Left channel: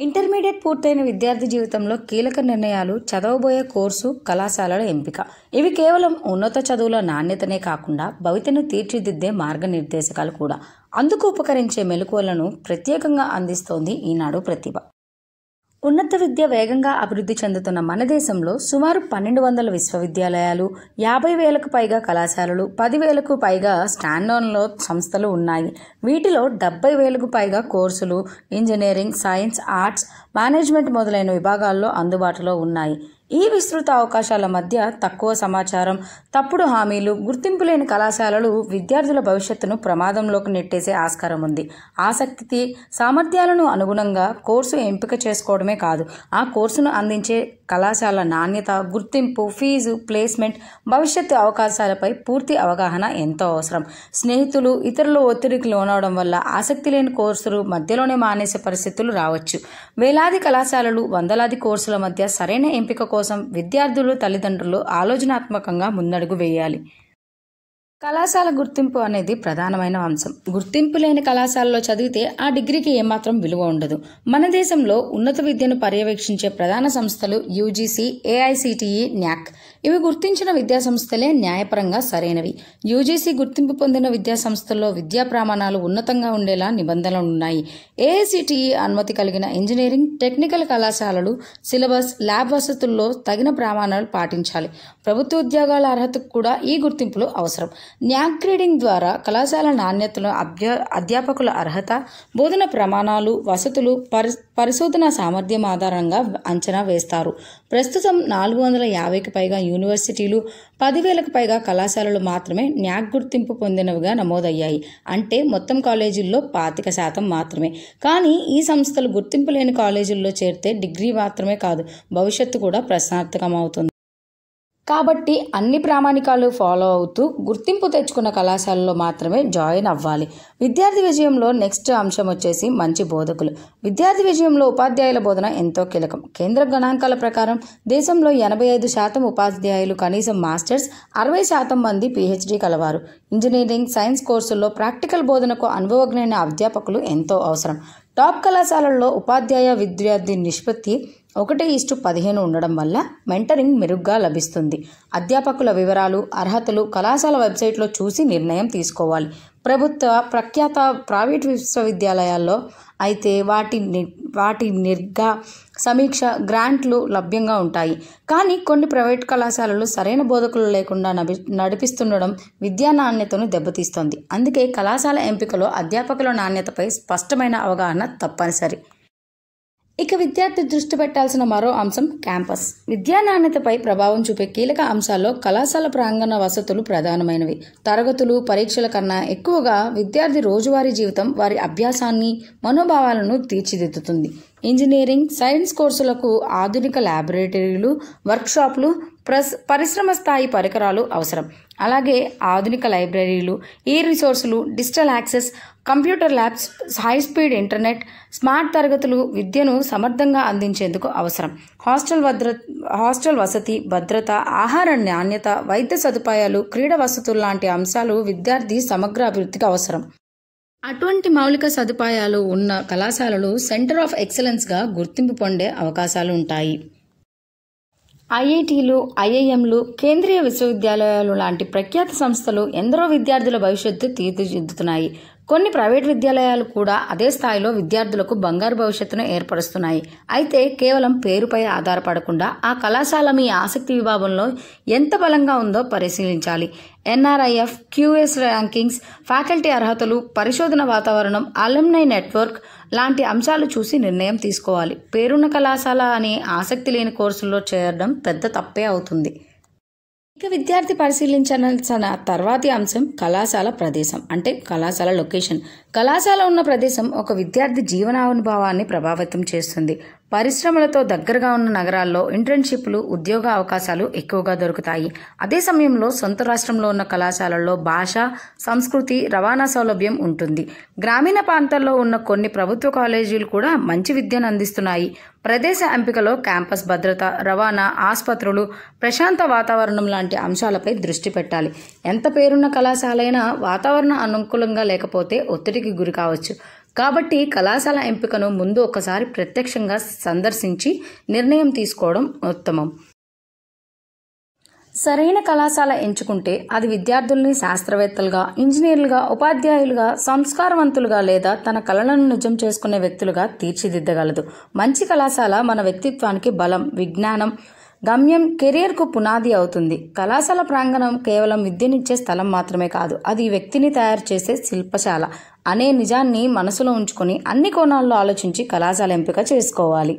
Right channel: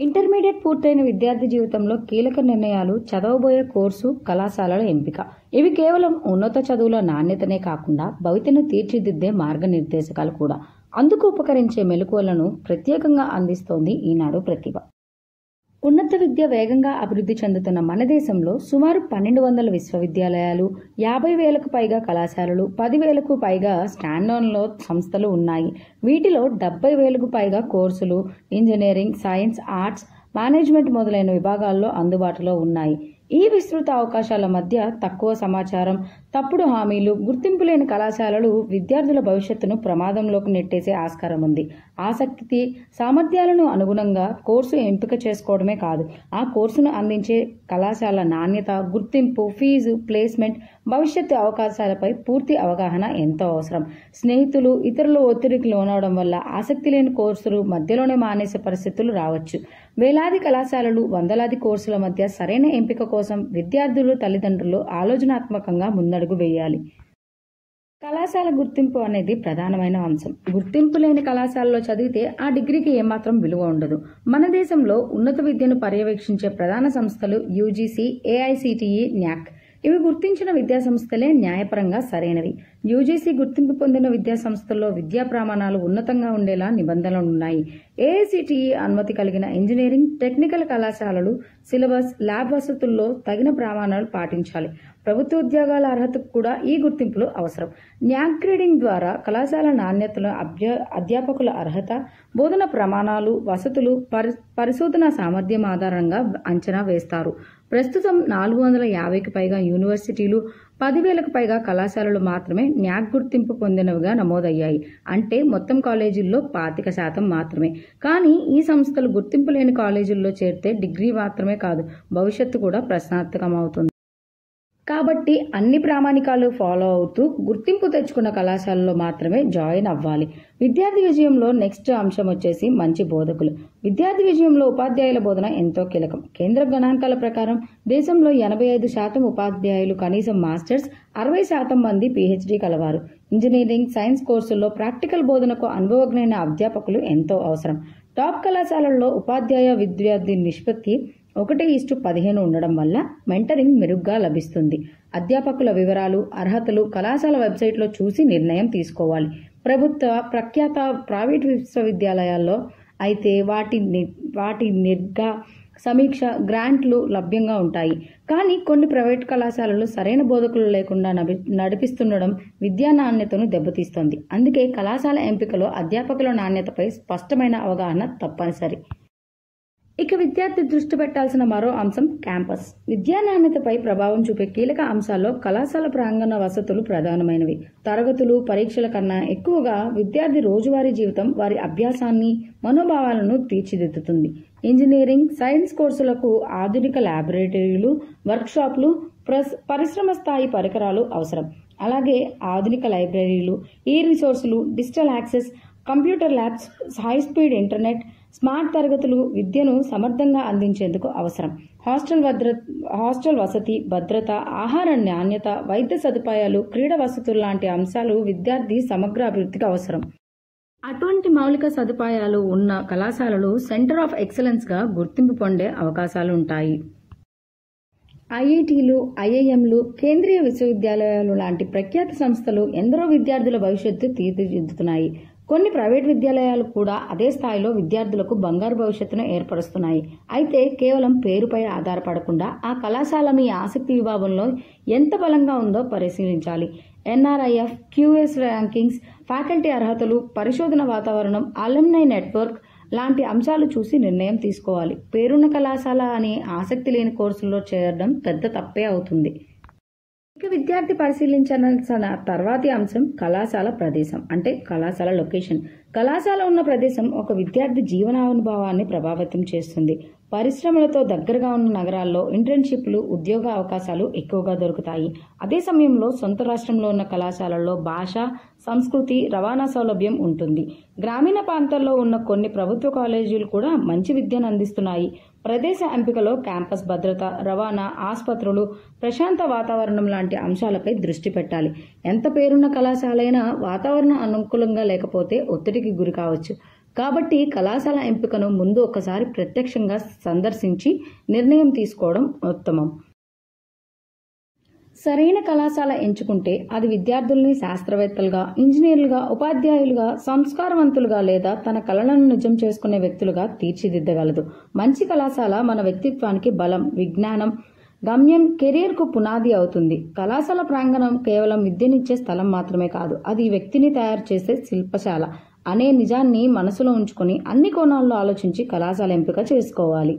Intermediate పూర్తయిన విద్యార్థి జీవితంలో కీలక నిర్ణయాలు చదవబోయే కోర్సు, కళాశాలల ఎంపిక. ఇవి కేవలం ఉన్నత చదువుల నాణ్యతనే కాకుండా భవితను తీర్చిదిద్దే మార్గనిర్దేశకాలు కూడా. అందుకు ఉపకరించే మెలకువలను ప్రత్యేకంగా అందిస్తోంది ఈనాడు ప్రతిభ. ఉన్నత విద్య వేగంగా అభివృద్ధి చెందుతున్న మన దేశంలో సుమారు 1200 విశ్వవిద్యాలయాలు, 50,000కు పైగా కళాశాలలు, 10,000కు పైగా స్టాండర్డ్లో సంస్థలు ఉన్నాయి. వీటిలో 70,000కు పైగా కోర్సులు ఇంజనీరింగ్, సైన్స్, ఆర్ట్స్, మేనేజ్మెంట్ మొదలైన విభాగాల్లో అందుబాటులో ఉన్నాయి. ఈ విస్తృత అవకాశాల మధ్య తక్కువ సమాచారం, తప్పుడు హామీలు, గుర్తింపు లేని కళాశాలలు విద్యార్థుల భవిష్యత్తును ప్రమాదంలోకి నెట్టేసే ఆస్కారం ఉంది. ఆసక్తి, సామర్థ్యాలను అనుగుణంగా కోర్సు ఎంపిక చేసుకోవడమే కాదు, ఆ కోర్సును అందించే కళాశాల నాణ్యత, గుర్తింపు, ఫీజు, ప్లేస్మెంట్, భవిష్యత్తు అవకాశాలపై పూర్తి అవగాహన ఎంతో అవసరం. స్నేహితులు, ఇతరుల ఒత్తిడికి లోనవడం వల్ల ఆసక్తి లేని కోర్సులు మధ్యలోనే మానేసే పరిస్థితులు రావచ్చు. వేలాది కళాశాలలు, వందలాది కోర్సుల మధ్య సరైన ఎంపిక కోసం విద్యార్థులు, తల్లిదండ్రులు ఆలోచనాత్మకంగా ముందడుగు వేయాలి. కళాశాల గుర్తింపు అనేది ప్రధానమైన అంశం. గుర్తింపు లేని కళాశాలలో చదివితే ఆ డిగ్రీకి ఏమాత్రం విలువ ఉండదు. మన దేశంలో ఉన్నత విద్యను పర్యవేక్షించే ప్రధాన సంస్థలు యూజీసీ, ఏఐసిటిఈ, న్యాక్. ఇవి గుర్తించిన విద్యాసంస్థలే న్యాయపరంగా సరైనవి. యూజీసీ గుర్తింపు పొందిన విద్యాసంస్థల్లో విద్యా ప్రమాణాలు ఉన్నతంగా ఉండేలా నిబంధనలున్నాయి. ఏఐసిటిఈ అనుమతి కలిగిన ఇంజనీరింగ్, టెక్నికల్ కళాశాలలు సిలబస్, ల్యాబ్ వసతుల్లో తగిన ప్రమాణాలు పాటించాలి. ప్రభుత్వ ఉద్యోగాల అర్హతకు కూడా ఈ గుర్తింపులు అవసరం. న్యాక్ గ్రేడింగ్ ద్వారా కళాశాల నాణ్యతను, అధ్యాపకుల అర్హత, బోధన ప్రమాణాలు, వసతులు, పరిశోధన సామర్థ్యం ఆధారంగా అంచనా వేస్తారు. ప్రస్తుతం 450కి పైగా యూనివర్సిటీలు, 10,000కు పైగా కళాశాలలు మాత్రమే న్యాక్ గుర్తింపు పొందినవిగా నమోదయ్యాయి. అంటే మొత్తం కాలేజీల్లో 25% మాత్రమే. కానీ ఈ సంస్థలు గుర్తింపు లేని కాలేజీల్లో చేరితే డిగ్రీ మాత్రమే కాదు, భవిష్యత్తు కూడా ప్రశ్నార్థకమవుతుంది. కాబట్టి అన్ని ప్రామాణికాలు ఫాలో అవుతూ గుర్తింపు తెచ్చుకున్న కళాశాలలో మాత్రమే జాయిన్ అవ్వాలి. విద్యార్థి విజయంలో నెక్స్ట్ అంశం వచ్చేసి మంచి బోధకులు. విద్యార్థి విజయంలో ఉపాధ్యాయుల బోధన ఎంతో కీలకం. కేంద్ర గణాంకాల ప్రకారం దేశంలో 85% ఉపాధ్యాయులు కనీసం మాస్టర్స్, 60% మంది పీహెచ్డీ కలవారు. ఇంజనీరింగ్, సైన్స్ కోర్సుల్లో ప్రాక్టికల్ బోధనకు అనుభవజ్ఞైన అధ్యాపకులు ఎంతో అవసరం. టాప్ కళాశాలల్లో ఉపాధ్యాయ విద్యార్థి నిష్పత్తి 1:15 ఉండడం వల్ల మెంటరింగ్ మెరుగ్గా లభిస్తుంది. అధ్యాపకుల వివరాలు, అర్హతలు కళాశాల వెబ్సైట్లో చూసి నిర్ణయం తీసుకోవాలి. ప్రభుత్వ, ప్రఖ్యాత ప్రైవేట్ విశ్వవిద్యాలయాల్లో అయితే వాటి నిర్గా సమీక్ష, గ్రాంట్లు లభ్యంగా ఉంటాయి. కానీ కొన్ని ప్రైవేట్ కళాశాలలు సరైన బోధకులు లేకుండా నడిపిస్తుండడం విద్యా నాణ్యతను దెబ్బతీస్తోంది. అందుకే కళాశాల ఎంపికలో అధ్యాపకుల నాణ్యతపై స్పష్టమైన అవగాహన తప్పనిసరి. ఇక విద్యార్థి దృష్టి పెట్టాల్సిన మరో అంశం క్యాంపస్. విద్యా నాణ్యతపై ప్రభావం చూపే కీలక అంశాల్లో కళాశాల ప్రాంగణ వసతులు ప్రధానమైనవి. తరగతులు, పరీక్షల కన్నా ఎక్కువగా విద్యార్థి రోజువారీ జీవితం వారి అభ్యాసాన్ని, మనోభావాలను తీర్చిదిద్దుతుంది. ఇంజనీరింగ్, సైన్స్ కోర్సులకు ఆధునిక ల్యాబొరేటరీలు, వర్క్షాప్లు, పరిశ్రమ స్థాయి పరికరాలు అవసరం. అలాగే ఆధునిక లైబ్రరీలు, ఈ రిసోర్సులు, digital access, computer labs, high speed internet, smart తరగతులు విద్యను సమర్థంగా అందించేందుకు అవసరం. హాస్టల్ వసతి, భద్రత, ఆహార నాణ్యత, వైద్య సదుపాయాలు, క్రీడా వసతులు లాంటి అంశాలు విద్యార్థి సమగ్ర అభివృద్ధికి అవసరం. అటువంటి మౌలిక సదుపాయాలు ఉన్న కళాశాలలు సెంటర్ ఆఫ్ ఎక్సలెన్స్గా గుర్తింపు పొందే అవకాశాలు ఉంటాయి. ఐఐటీలు, ఐఐఎంలు, కేంద్రీయ విశ్వవిద్యాలయాలు లాంటి ప్రఖ్యాత సంస్థలు ఎందరో విద్యార్థుల భవిష్యత్తు తీర్చిదిద్దుతున్నాయి. కొన్ని ప్రైవేట్ విద్యాలయాలు కూడా అదే స్థాయిలో విద్యార్థులకు బంగారు భవిష్యత్తును ఏర్పరుస్తున్నాయి. అయితే కేవలం పేరుపై ఆధారపడకుండా ఆ కళాశాల మీ ఆసక్తి విభాగంలో ఎంత బలంగా ఉందో పరిశీలించాలి. ఎన్ఆర్ఐఎఫ్, క్యూఎస్ ర్యాంకింగ్స్, ఫ్యాకల్టీ అర్హతలు, పరిశోధన వాతావరణం, అలుమ్నై నెట్వర్క్ లాంటి అంశాలు చూసి నిర్ణయం తీసుకోవాలి. పేరున్న కళాశాల అని ఆసక్తి లేని కోర్సుల్లో చేరడం పెద్ద తప్పే అవుతుంది. ఇక విద్యార్థి పరిశీలించాల్సిన తర్వాతి అంశం కళాశాల ప్రదేశం, అంటే కళాశాల లొకేషన్. కళాశాల ఉన్న ప్రదేశం ఒక విద్యార్థి జీవనానుభవాన్ని ప్రభావితం చేస్తుంది. పరిశ్రమలతో దగ్గరగా ఉన్న నగరాల్లో ఇంటర్న్షిప్లు, ఉద్యోగ అవకాశాలు ఎక్కువగా దొరుకుతాయి. అదే సమయంలో సొంత రాష్ట్రంలో ఉన్న కళాశాలల్లో భాష, సంస్కృతి, రవాణా సౌలభ్యం ఉంటుంది. గ్రామీణ ప్రాంతాల్లో ఉన్న కొన్ని ప్రభుత్వ కాలేజీలు కూడా మంచి విద్యను అందిస్తున్నాయి. ప్రదేశ ఎంపికలో క్యాంపస్ భద్రత, రవాణా, ఆసుపత్రులు, ప్రశాంత వాతావరణం లాంటి అంశాలపై దృష్టి పెట్టాలి. ఎంత పేరున్న కళాశాలైనా వాతావరణం అనుకూలంగా లేకపోతే ఒత్తిడికి గురి కావచ్చు. కాబట్టి కళాశాల ఎంపికను ముందు ఒకసారి ప్రత్యక్షంగా సందర్శించి నిర్ణయం తీసుకోవడం ఉత్తమం. సరైన కళాశాల ఎంచుకుంటే అది విద్యార్థుల్ని శాస్త్రవేత్తలుగా, ఇంజనీర్లుగా, ఉపాధ్యాయులుగా, సంస్కారవంతులుగా లేదా తన కళలను నిజం చేసుకునే వ్యక్తులుగా తీర్చిదిద్దగలదు. మంచి కళాశాల మన వ్యక్తిత్వానికి బలం, విజ్ఞానం, గమ్యం, కెరియర్కు పునాది అవుతుంది. కళాశాల ప్రాంగణం కేవలం విద్యనిచ్చే స్థలం మాత్రమే కాదు, అది వ్యక్తిని తయారు చేసే శిల్పశాల అనే నిజాన్ని మనసులో ఉంచుకొని అన్ని కోణాల్లో ఆలోచించి కళాశాల ఎంపిక చేసుకోవాలి.